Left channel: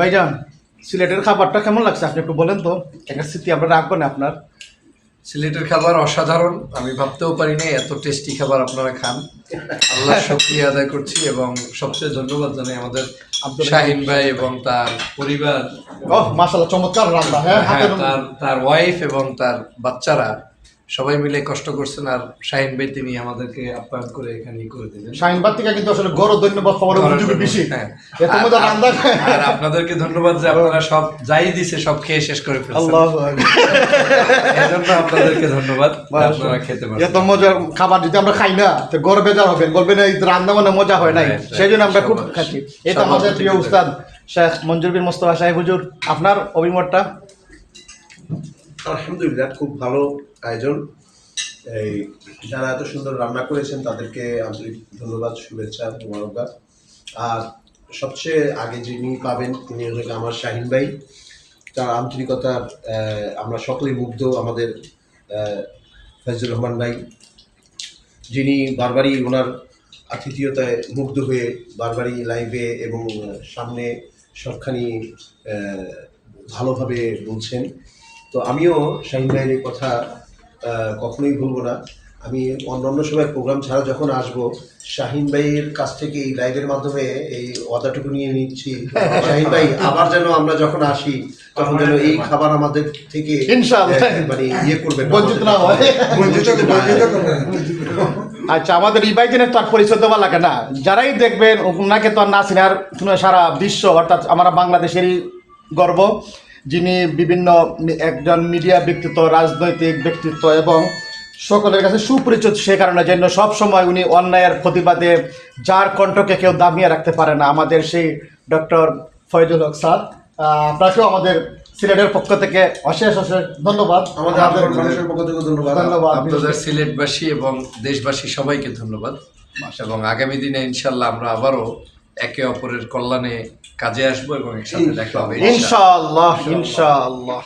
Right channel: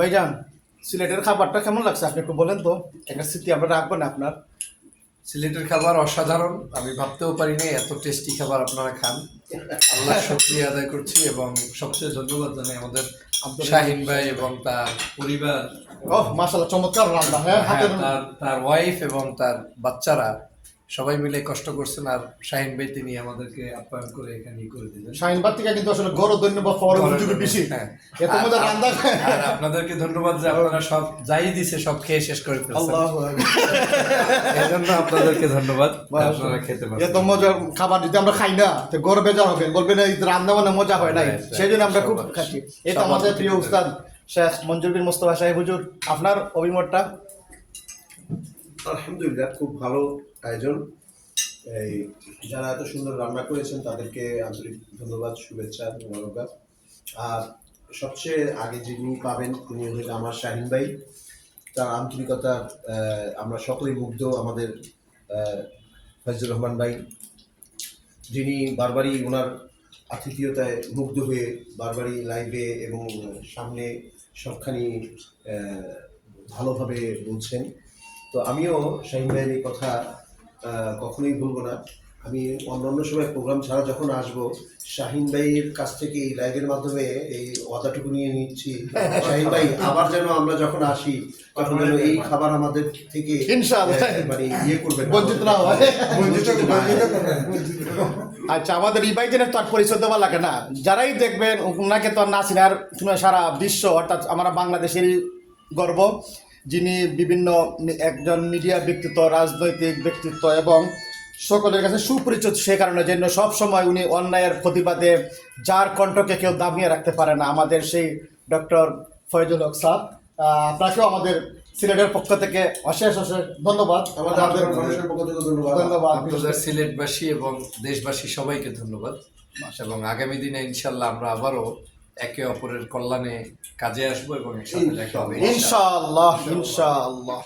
ভাইজান, সিলেটের খাবারটা কেমন লাগছে আপনি একটু বলেন তো। একটা স্মৃতি আমরা রাখবো না আপনার। সিলেটের খাবার অসাধারণ। আমি ভাবতেও পারি না এত টেস্টি খাবার আপনারা খান। আল্লাহ শুকরিয়া আদায় করছি এবং সবচেয়ে ধন্যবাদ জানাই আমাদের শাহিন ভাই এবং তার পরিবার, ওহ মাশাআল্লাহ, চমৎকার রান্না। হ্যাঁ, হাতের তার ওয়াইফ এবং তার বাচ্চারা সবাই মিলে কষ্ট করছেন। আর শাহিন ভাই তিনি আমাদেরকে আপ্যায়ন করে এখানে করে দিলেন। শাহিনবাগ থেকে কিন্তু আসলে গরো ধন্যবাদ পাওয়ার সুযোগ বেশি। হ্যাঁ। এত মজা রান্না। আর আপনাদেরকে ধন্যবাদ যে আপনারা সব যাই দিছে সব খেয়ে শেষ করে ফেলছেন। আল্লাহু এজন্য আপনাদেরকে ধন্যবাদ যে আপনারা খেতে পারেন। এত মজার খাবার যদি আমরা খাই না তো গরো বেজার হবেন, বলবেন এই রান্না মানে মজা হয় নাই। সেই জন্য আমরা খুব খাচ্ছি। এটা আমাদের প্রিয় উস্তাদ শেখ মঞ্জুর বিন মোস্তফা সাহেব হুজুর, আপনার অভিমতটা? আলহামদুলিল্লাহ, খুব ভালো আয়োজন। এই যারা এত সুন্দর রান্না করেছেন তাদেরকে আন্তরিক ধন্যবাদ, শুভেচ্ছা, মোবারকবাদ। আর সবচেয়ে আগে যিনি পাবেন তিনি হলেন আমার শাহিন ভাই। তার আন্তরিকতা আমরা সকলেই মুগ্ধ। আমাদের ফয়জুর রহমান ভাই, যিনি বারবারই ওনার আতিথেয়তায় মুগ্ধ হয়ে বারবারই লাইভে এবং সামনে সবখানি ভালোভাবে বলছেন। তো আমিও শাহিন ভাইয়ের এই কথা কখনোই ভুলবো না। আমি অন্যান্য সময় প্রোগ্রাম ছাড়া যখন আসবো, শাহিন ভাইয়ের কাছ থেকে এই লাইভের মাধ্যমে এই ওয়াদাটুকু নিয়ে নিচ্ছি, শাহিন ভাই আবার যেন আমরা যখন আসি তখন যেন এই খাবার আমাদের থেকে ইনশাআল্লাহ মানে ইয়ে করবেন, বঞ্চিত না হয়। আচ্ছা, আমাদের এই ভাইজানের তো আর পরিচয় দেওয়া লাগে না। যারাই দেখবেন ওনাকে তো আর না চিনে, আর সারা বিশ্ব অর্থাৎ আমরা বাংলাদেশেরই গর্ব, যিনি বিভিন্ন একজন মিডিয়া ব্যক্তিত্ব, রাজনৈতিক ব্যক্তিত্ব এবং সকলের কাছে সুপরিচিত। সে কারণে জন্য সবসময় উনি অন্যায়ের প্রতিবাদে যার কণ্ঠকে কেউ দামিয়ে রাখতে পারে না, আমাদের সেই ডক্টর ফয়জুল হক স্যার। আপনাকেও আমাদের সিলেটের পক্ষ থেকে অশেষ অশেষ ধন্যবাদ। আমাদের মানুষের পক্ষ থেকে ধন্যবাদ। আপনাদের সিলেটবাসী এবং দেশবাসী সবাইকে ধন্যবাদ। এবং আগামী দিনে ইনশাল্লাহ আমরা আবারও একে অপরের কল্যাণে কাজে আসবো এবং একসাথে দেখা হবে ইনশাআল্লাহ ইনশাআল্লাহ।